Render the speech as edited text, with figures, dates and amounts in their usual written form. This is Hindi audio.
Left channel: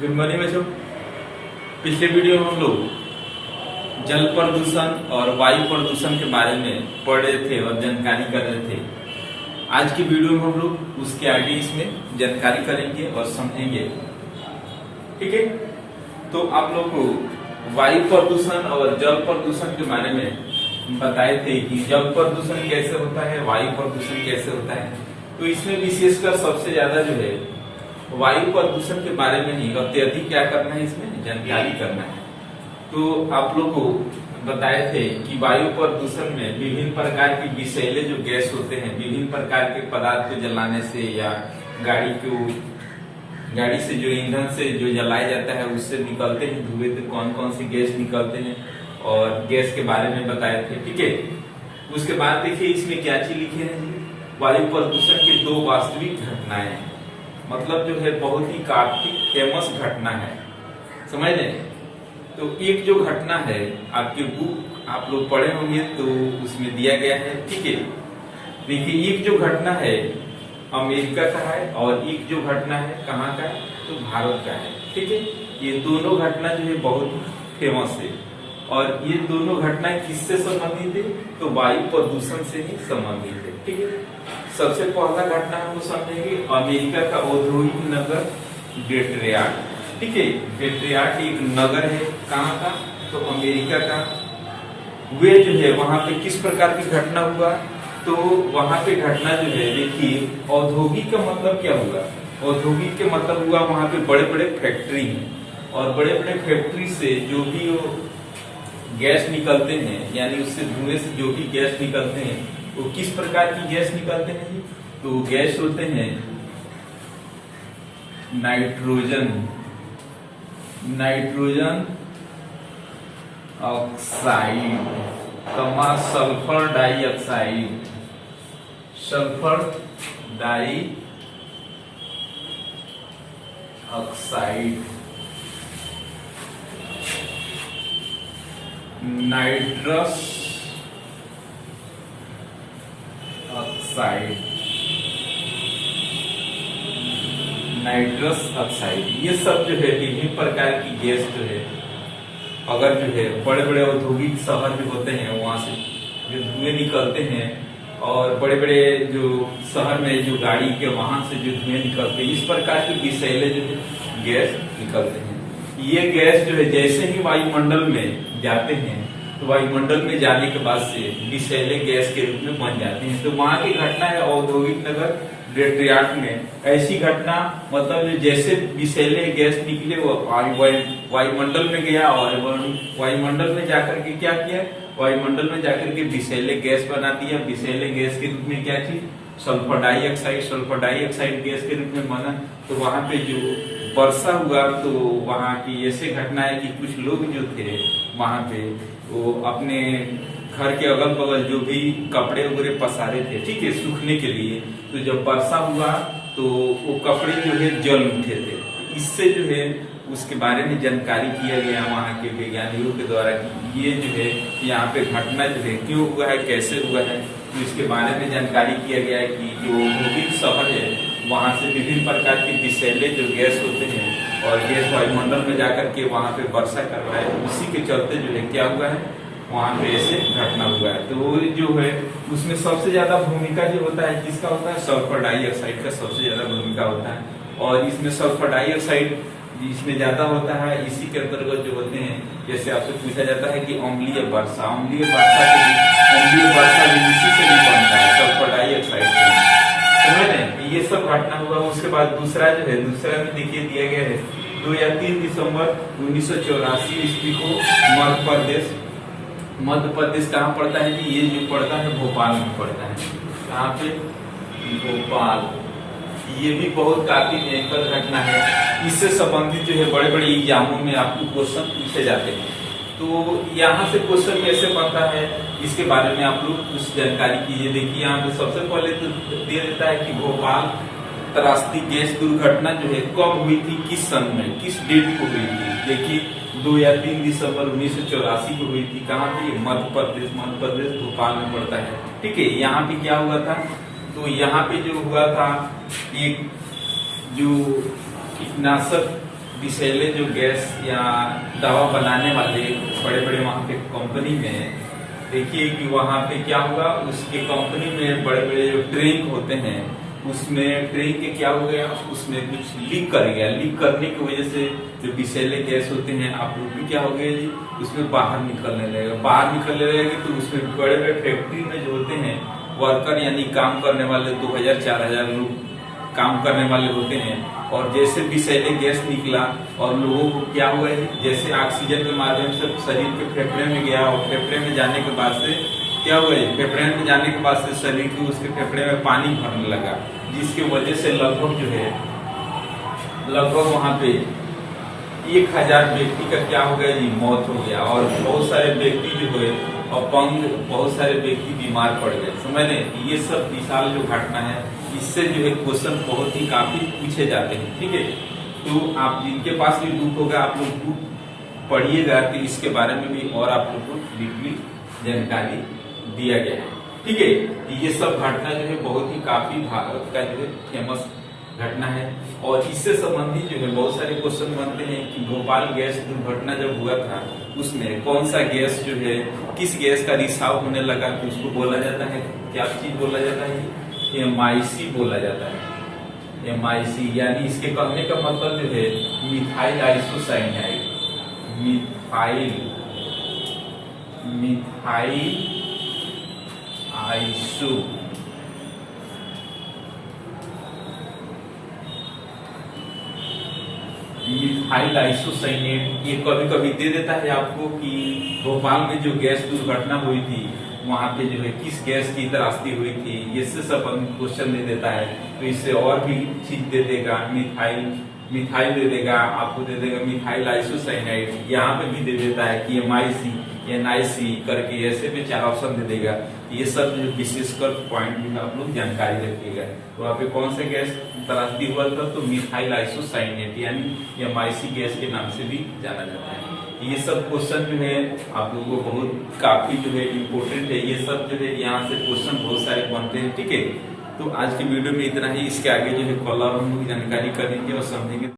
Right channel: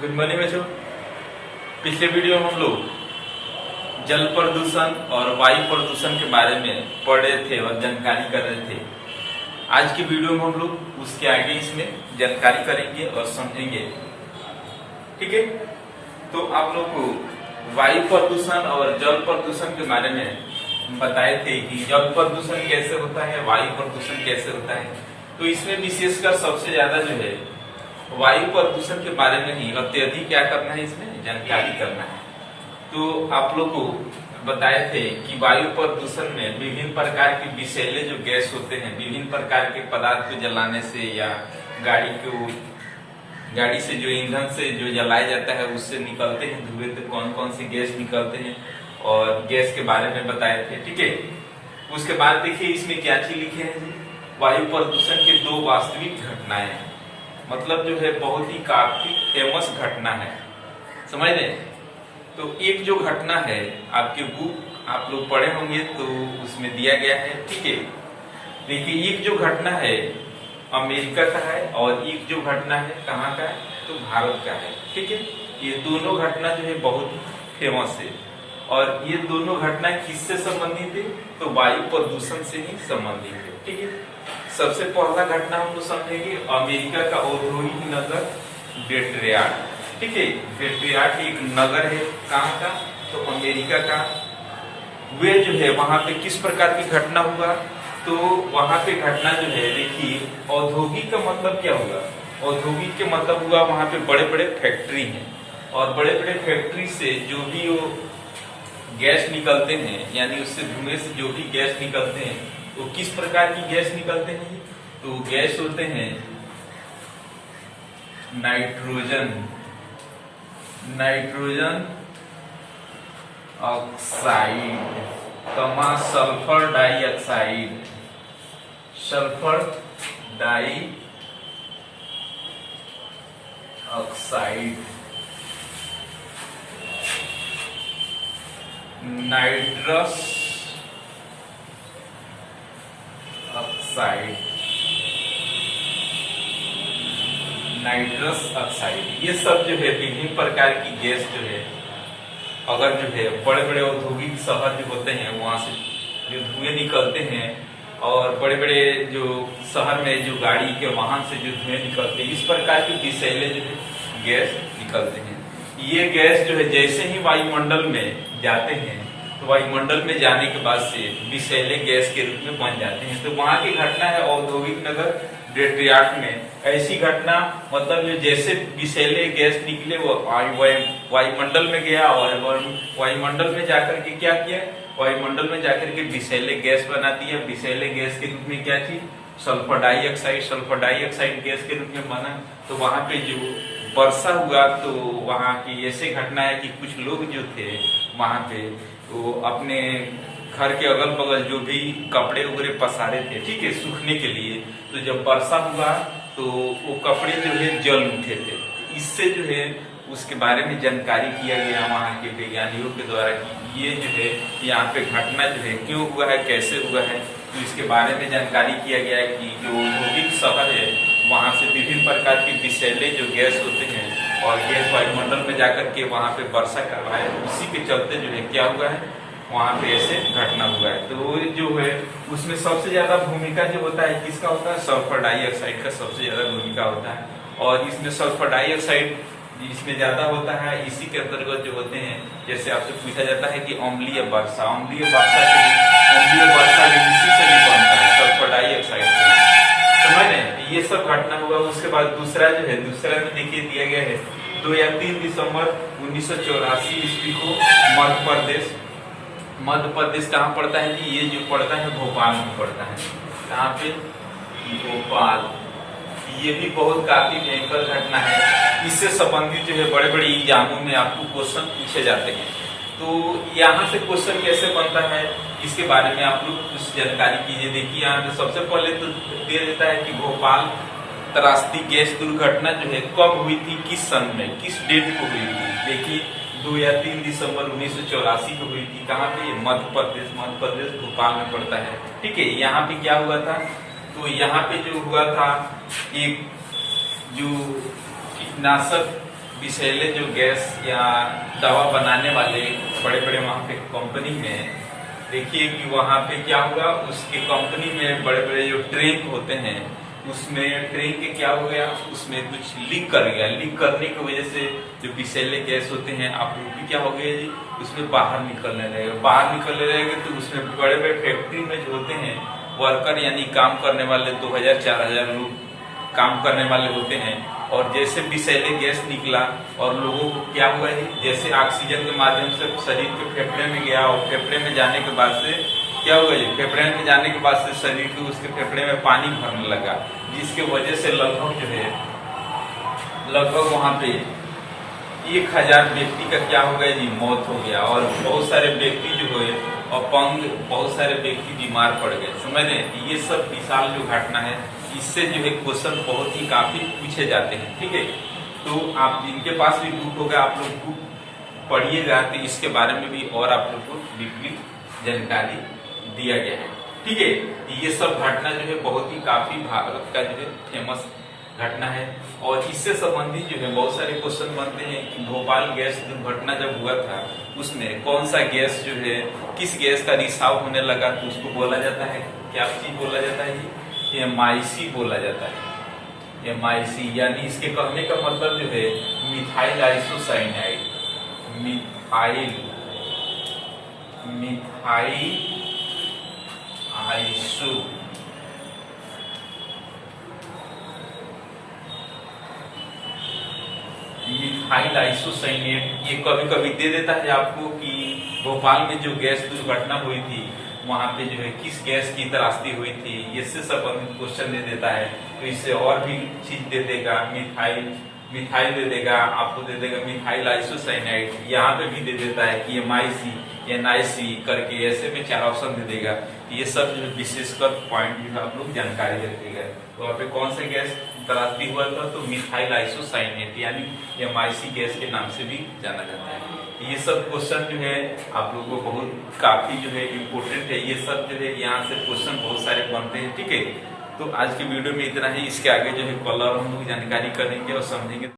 गुड मॉर्निंग बच्चों। पिछले वीडियो में हम लोग जल प्रदूषण और वायु प्रदूषण के बारे में पढ़ रहे थे और जानकारी कर रहे थे। आज की वीडियो में हम लोग उसके आगे इसमें जानकारी करेंगे और समझेंगे। ठीक है, तो आप लोग को वायु प्रदूषण और जल प्रदूषण के बारे में बताए थे कि जल प्रदूषण कैसे होता है, वायु प्रदूषण कैसे होता है। तो इसमें विशेषकर सबसे ज्यादा जो है वायु प्रदूषण के बारे में ही अत्यधिक क्या करना है, इसमें जानकारी करना है। तो आप लोग को बताए थे कि वायु प्रदूषण में विभिन्न प्रकार के विषैले जो गैस होते हैं, विभिन्न प्रकार के पदार्थ को जलाने से या गाड़ी से जो ईंधन से जो जलाया जाता है उससे निकलते हैं धुएं, तो कौन कौन सी गैस निकलते हैं और गैस के बारे में बताए थे। ठीक है, उसके बाद देखिए इसमें क्या चीज लिखे हैं, वायु प्रदूषण की दो वास्तविक घटनाएं, मतलब जो है बहुत ही काफी फेमस घटना है, समझ लें। तो एक जो घटना है आपकी बुक आप लोग पढ़े होंगे तो उसमें दिया गया है। ठीक है, देखिए एक जो घटना है अमेरिका का है और एक जो घटना है कहाँ का है, तो भारत का है। ठीक है, ये दोनों घटना जो है बहुत फेमस है और ये दोनों घटनाएं किससे संबंधित है, तो वायु प्रदूषण से ही संबंधित है। ठीक है, सबसे पहला घटना हम लोग समझेंगे अमेरिका का औद्योगिक नगर डेट्रॉयट। ठीक है, डेट्रॉयट एक नगर है, कहाँ का, तो अमेरिका का। वे जो है वहां पे किस प्रकार की घटना हुआ, तो वहां पे घटना जो है देखिए औद्योगिक का मतलब क्या हुआ, औद्योगिक के मतलब हुआ वहां पे बड़े बड़े फैक्ट्री हैं और बड़े बड़े फैक्ट्री से जो भी वो गैस निकलते हैं, यानी उससे धुएं से जो भी गैस निकलते हैं वो किस प्रकार की गैस निकलते हैं, तो गैस होते हैं nitrogen oxide, sulphur dioxide, sulphur dioxide, nitrous oxide, nitrous oxide, ये सब जो है विभिन्न प्रकार की गैस जो है अगर जो है बड़े बड़े औद्योगिक शहर जो होते हैं वहां से जो धुएं निकलते हैं और बड़े बड़े जो शहर में जो गाड़ी के वाहन से जो धुएं निकलते हैं, इस प्रकार के विषैले जो है गैस निकलते हैं। ये गैस जो है जैसे ही वायुमंडल में जाते हैं तो वायुमंडल में जाने के बाद से विषैले गैस के रूप में बन जाते हैं। तो वहां की घटना है औद्योगिक नगर डेट्रॉयट में ऐसी घटना, मतलब जैसे विषैले गैस निकले वो वायुमंडल में गया और वायुमंडल में जाकर के क्या किया, वायुमंडल में जाकर के विषैले गैस बना दिया। विषैले गैस के रूप में क्या चीज, सल्फर डाइऑक्साइड गैस के रूप में बना। तो वहां पे जो वर्षा हुआ तो वहां की ऐसे घटना है कि कुछ लोग जो थे वहां पे वो अपने घर के अगल बगल जो भी कपड़े वगैरह पसारे थे, ठीक है, सूखने के लिए, तो जब वर्षा हुआ तो वो कपड़े जो है जल उठे थे। इससे जो है उसके बारे में जानकारी किया गया वहाँ के वैज्ञानिकों के द्वारा कि ये जो है यहाँ पे घटना जो है क्यों हुआ है, कैसे हुआ है। तो इसके बारे में जानकारी किया गया है कि जो औद्योगिक शहर है वहाँ से विभिन्न प्रकार के विषैले जो गैस होते हैं और गैस वायुमंडल में जाकर के वहाँ पे वर्षा कर रहा है, उसी के चलते जो है क्या हुआ है, वहाँ पे ऐसे घटना हुआ है। तो जो है उसमें सबसे ज्यादा भूमिका जो होता है किसका होता है, सल्फर डाइऑक्साइड का सबसे ज्यादा भूमिका होता है। और इसमें सल्फर डाइऑक्साइड इसमें ज्यादा होता है। इसी के अंतर्गत जो होते हैं, जैसे आपसे पूछा जाता है कि अम्लीय वर्षा भी इसी से भी बनता है, सल्फर डाइऑक्साइड से, समझ रहे। ये सब घटना हुआ। उसके बाद दूसरा जो है, दूसरा में देखिए दिया गया है 2 या 3 दिसंबर 1984 ईस्वी को मध्य प्रदेश कहाँ पड़ता है कि ये जो पड़ता है भोपाल में पड़ता है। कहाँ पे, भोपाल। ये भी बहुत काफी भयंकर घटना है। इससे संबंधित जो है बड़े बड़े एग्जामों में आपको क्वेश्चन पूछे जाते हैं। तो यहाँ से क्वेश्चन कैसे बनता है इसके बारे में आप लोग कुछ जानकारी कीजिए। देखिए यहाँ पे सबसे पहले तो दिया देता है कि भोपाल त्रासदी गैस दुर्घटना जो है कब हुई थी, किस सन में, किस डेट को हुई थी। देखिए 2 या 3 दिसंबर 1984 को हुई थी। कहाँ पे, मध्य प्रदेश भोपाल में पड़ता है। ठीक है, यहाँ पे क्या हुआ था, तो यहाँ पे जो हुआ था एक जो कीटनाशक विषैले जो गैस या दवा बनाने वाले बड़े बड़े वहाँ पे कंपनी में देखिए कि वहाँ पे क्या होगा, उसके कंपनी में बड़े बड़े जो ट्रैंक होते हैं उसमें ट्रैंक के क्या हो गया, उसमें कुछ लीक कर गया। लीक करने की वजह से जो विषैले गैस होते हैं आप लोग भी क्या हो गया जी, उसमें बाहर निकलने लगेगा। बाहर निकलने लगेगा तो उसमें बड़े बड़े फैक्ट्री में जो होते हैं वर्कर यानी काम करने वाले 2000-4000 लोग काम करने वाले होते हैं। और जैसे विषैले गैस निकला और लोगों को क्या हुआ है, जैसे ऑक्सीजन के माध्यम से शरीर के फेफड़े में गया और फेफड़े में जाने के बाद से क्या हुआ जी, फेफड़े में जाने के बाद से शरीर के उसके फेफड़े में पानी भरने लगा, जिसके वजह से लगभग जो है वहां पे 1000 व्यक्ति का क्या हो गया जी, मौत हो गया। और बहुत सारे व्यक्ति जो है अपंग, बहुत सारे व्यक्ति बीमार पड़ गए। समझ लें, ये सब विशाल जो घटना है इससे जो है क्वेश्चन बहुत ही काफी पूछे जाते हैं। ठीक है, तो आप जिनके पास भी बुक होगा आप लोग बुक पढ़िएगा, तो इसके बारे में भी और आप लोग को डीपली जानकारी दिया गया है। ठीक है, ये सब घटना जो है बहुत ही काफी भारत का जो है फेमस घटना है। और इससे संबंधित जो है बहुत सारे क्वेश्चन बनते हैं कि भोपाल गैस दुर्घटना जब हुआ था उसमें कौन सा गैस जो है, किस गैस का रिसाव होने लगा, तो उसको बोला जाता है, क्या चीज बोला जाता है, MIC बोला जाता है। MIC यानी इसके कहने का मतलब जो है methyl isocyanide, methyl iso methyl isocyanate. ये कभी कभी दे देता है आपको कि भोपाल में जो गैस दुर्घटना हुई थी वहां पे जो है किस गैस की तलाशी हुई थी, ये से सब क्वेश्चन दे देता है। तो इससे और भी चीज दे देगा, मिथाइल दे देगा, आपको दे देगा मिथाइल आइसोसाइनाइड, यहाँ पे भी दे देता है कि MIC NIC करके, ऐसे में 4 ऑप्शन दे देगा। ये सब जो विशेषकर पॉइंट भी आप लोग जानकारी रखिएगा। तो वहाँ पे कौन से गैस तलाशी हुआ था, तो मिथाइल आइसोसाइनेट यानी MIC गैस के नाम से भी जाना जाता है। ये सब क्वेश्चन जो है आप लोगों को बहुत काफी जो है इम्पोर्टेंट है। ये सब जो है यहाँ से क्वेश्चन बहुत सारे बनते हैं। ठीक है, तो आज के वीडियो में इतना ही। इसके आगे जो है कल और हम लोग जानकारी करेंगे और समझेंगे।